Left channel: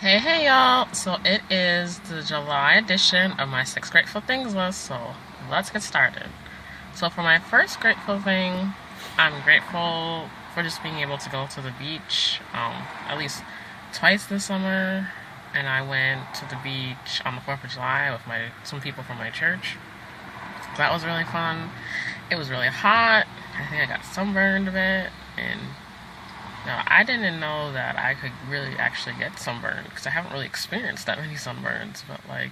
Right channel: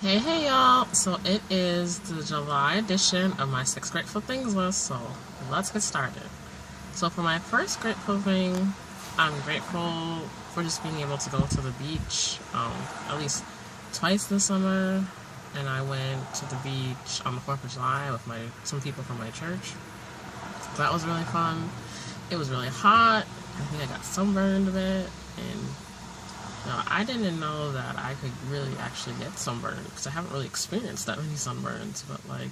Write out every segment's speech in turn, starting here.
Hey y'all! So it is the July edition of my six grateful things list, so let's get started. So for my first grateful thing, I'm grateful for just being able to go to the beach at least twice this summer. And I went to the beach on the 4th of July with some people from my church. So that was really fun. It was really hot. I think I got sunburned a bit, and no, I didn't know that I could really actually get sunburned because I haven't really experienced that many sunburns. But like,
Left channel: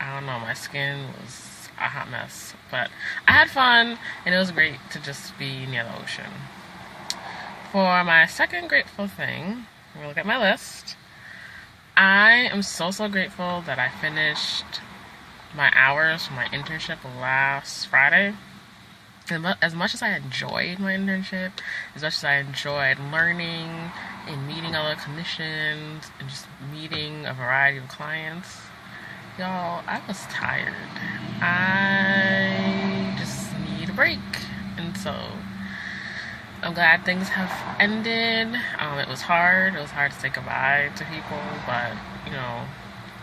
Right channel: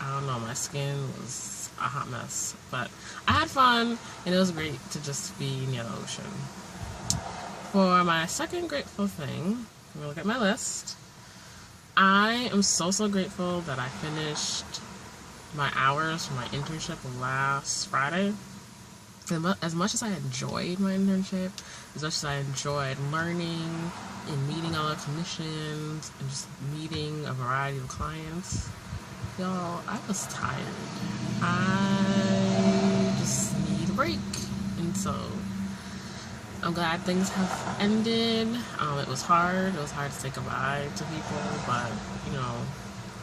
I don't know, my skin was a hot mess. But I had fun, and it was great to just be near the ocean. For my second grateful thing, we'll look at my list. I am so grateful that I finished my hours for my internship last Friday. As much as I enjoyed my internship, as much as I enjoyed learning and meeting other clinicians and just meeting a variety of clients, y'all, I was tired. I just need a break. And so I'm glad things have ended. It was hard. It was hard to say goodbye to people, but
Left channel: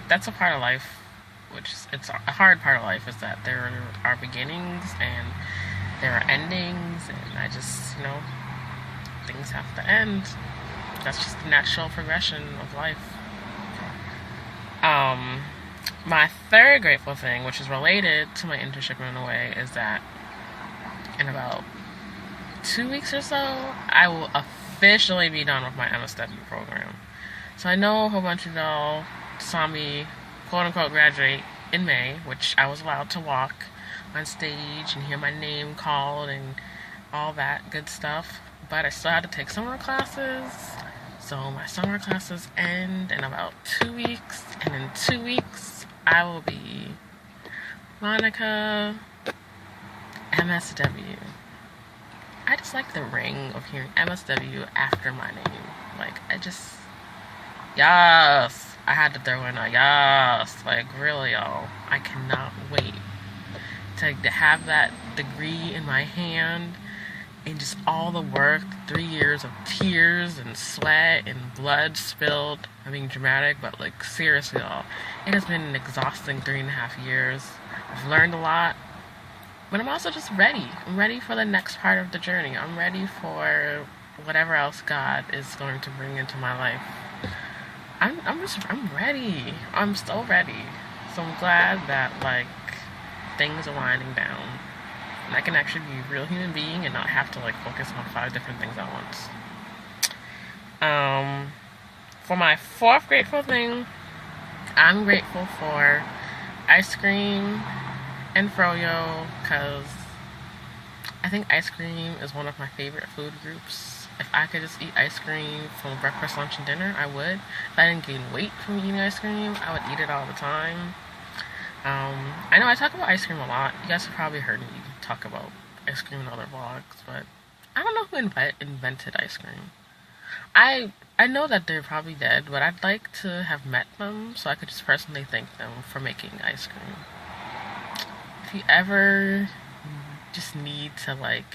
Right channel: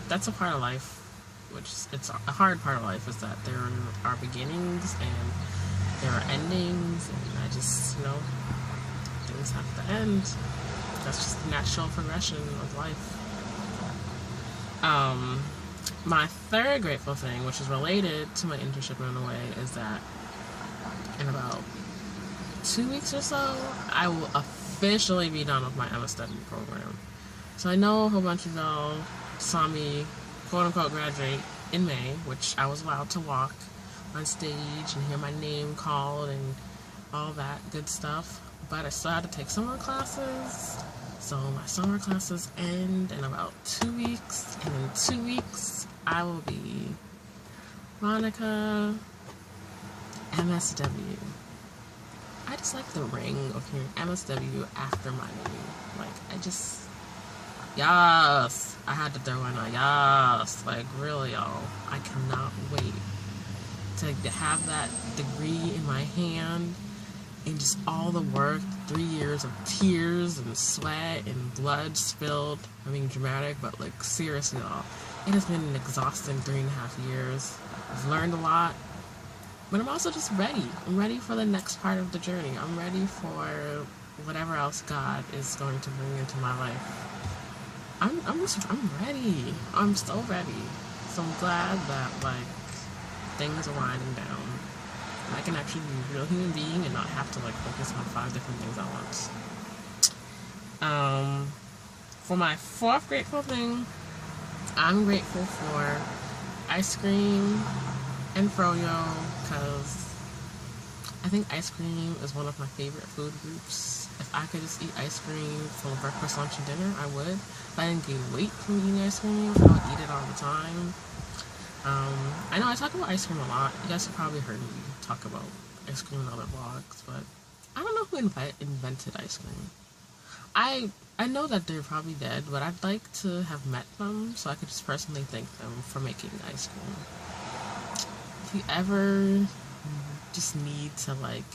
that's a part of life. It's a hard part of life is that there are beginnings and there are endings, and I just, things have to end. That's just the natural progression of life. Um, my third grateful thing, which is related to my internship in a way, is that in about 2 weeks or so, I will officially be done with my MSW program. So I know a whole bunch of y'all saw me, quote unquote, graduate in May, which I was allowed to walk on stage and hear my name called and all that good stuff. But I still had to take summer classes. So my summer classes end in about 2 weeks. And in 2 weeks, I will be Monica MSW. I just like the ring of hearing MSW after my name. Like, yes. I had to throw in a yes. Like, really, y'all. I cannot wait to have that degree in my hand and just all the work, 3 years of tears and sweat and blood spilled. I'm being dramatic, but like seriously, y'all, it has been an exhausting 3.5 years. I've learned a lot, but I'm also just ready. I'm ready for the next part of the journey. I'm ready for whatever else God is going to bring into my life. I'm ready. I'm so ready. So I'm glad that like things are winding down. And I can actually be a real human being and not have to like focus on 5 different things at once. Um, for my fourth grateful thing, I'm grateful for ice cream and froyo because I think ice cream is one of my favorite food groups. If I could just eat ice cream from breakfast, lunch, and dinner, I would. If I didn't gain weight from eating ice cream, I would eat it all the time. I know I talk about ice cream a lot. You guys have probably heard me talk about ice cream in other vlogs, but I don't know who invented ice cream. I know that they're probably dead, but I'd like to have met them so I could just personally thank them for making ice cream. If you ever just need something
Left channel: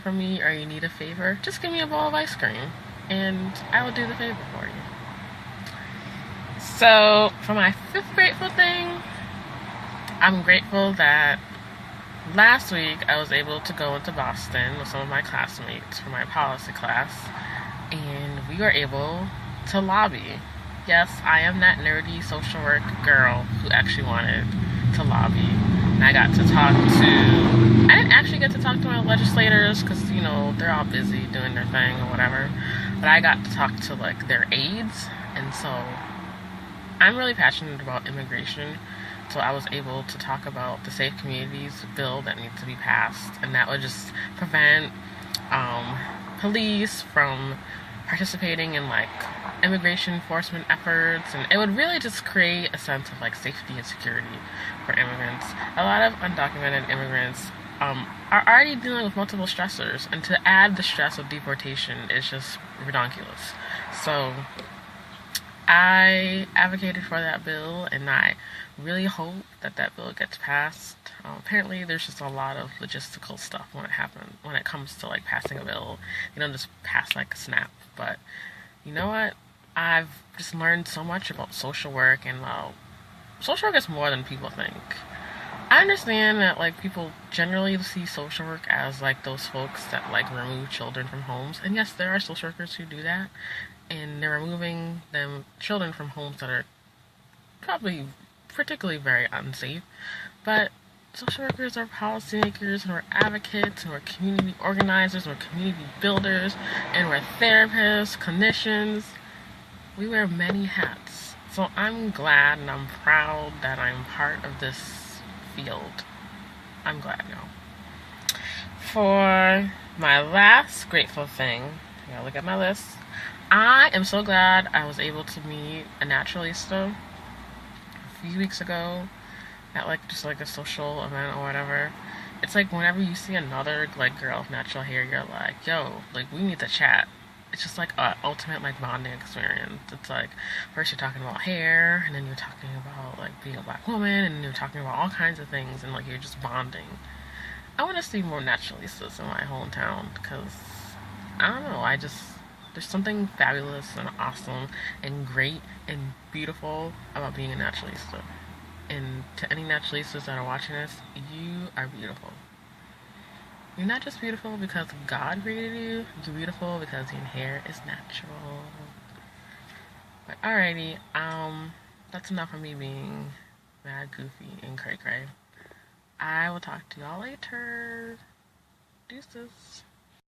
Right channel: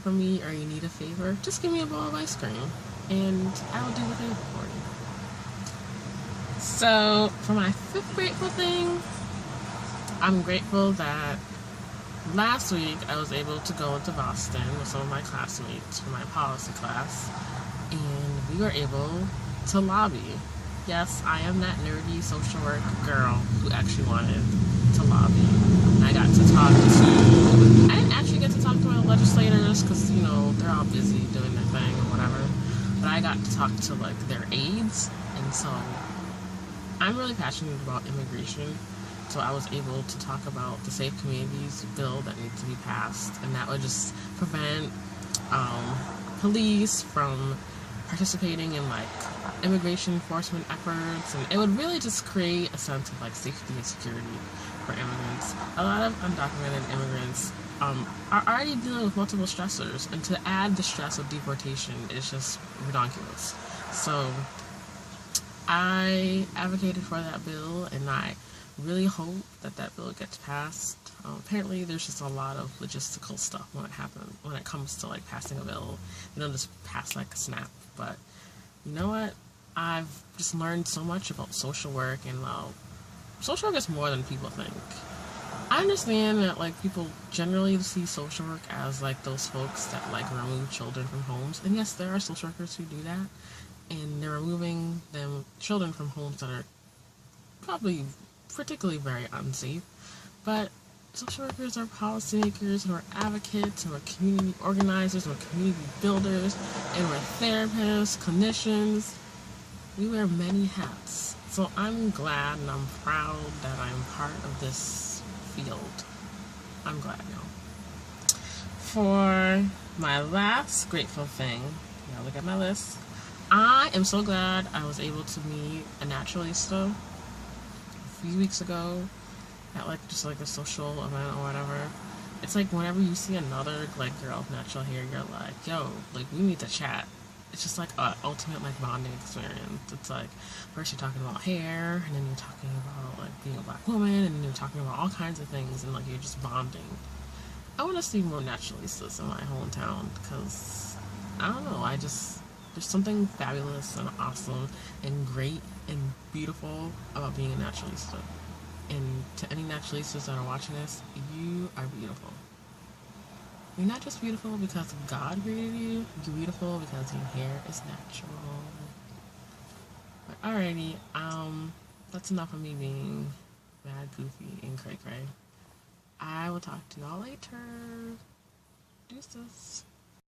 from me or you need a favor, just give me a bowl of ice cream and I will do the favor for you. So, for my fifth grateful thing, I'm grateful that last week I was able to go into Boston with some of my classmates for my policy class, and we were able to lobby. Yes, I am that nerdy social work girl who actually wanted to lobby. And I got to talk to, I didn't actually get to talk to my legislators because, they're all busy doing their thing or whatever. But I got to talk to, like, their aides, and so I'm really passionate about immigration, so I was able to talk about the Safe Communities bill that needs to be passed, and that would just prevent police from participating in like immigration enforcement efforts, and it would really just create a sense of like safety and security for immigrants. A lot of undocumented immigrants are already dealing with multiple stressors, and to add the stress of deportation is just ridiculous. So I advocated for that bill, and I really hope that that bill gets passed. Apparently, there's just a lot of logistical stuff when it comes to like passing a bill. You don't just pass like a snap, but You know what? I've just learned so much about social work, and social work is more than people think. I understand that like people generally see social work as like those folks that like remove children from homes, and yes, there are social workers who do that, and they're removing them children from homes that are probably particularly very unsafe. But social workers are policymakers, and we're advocates, and we're community organizers, and we're community builders, and we're therapists, clinicians. We wear many hats. So I'm glad and I'm proud that I'm part of this field. I'm glad now. For my last grateful thing, I gotta look at my list. I am so glad I was able to meet a naturalista a few weeks ago at like just like a social event or whatever. It's like whenever you see another like girl with natural hair, you're like, yo, like we need to chat. It's just like a ultimate like bonding experience. It's like first you're talking about hair, and then you're talking about like being a black woman, and then you're talking about all kinds of things, and like you're just bonding. I want to see more naturalistas in my hometown because I don't know. I just there's something fabulous and awesome and great and beautiful about being a naturalista. And to any naturalistas that are watching this, you are beautiful. You're not just beautiful because God created you, you're beautiful because your hair is natural. But alrighty, that's enough of me being mad, goofy, and cray cray. I will talk to y'all later. Deuces.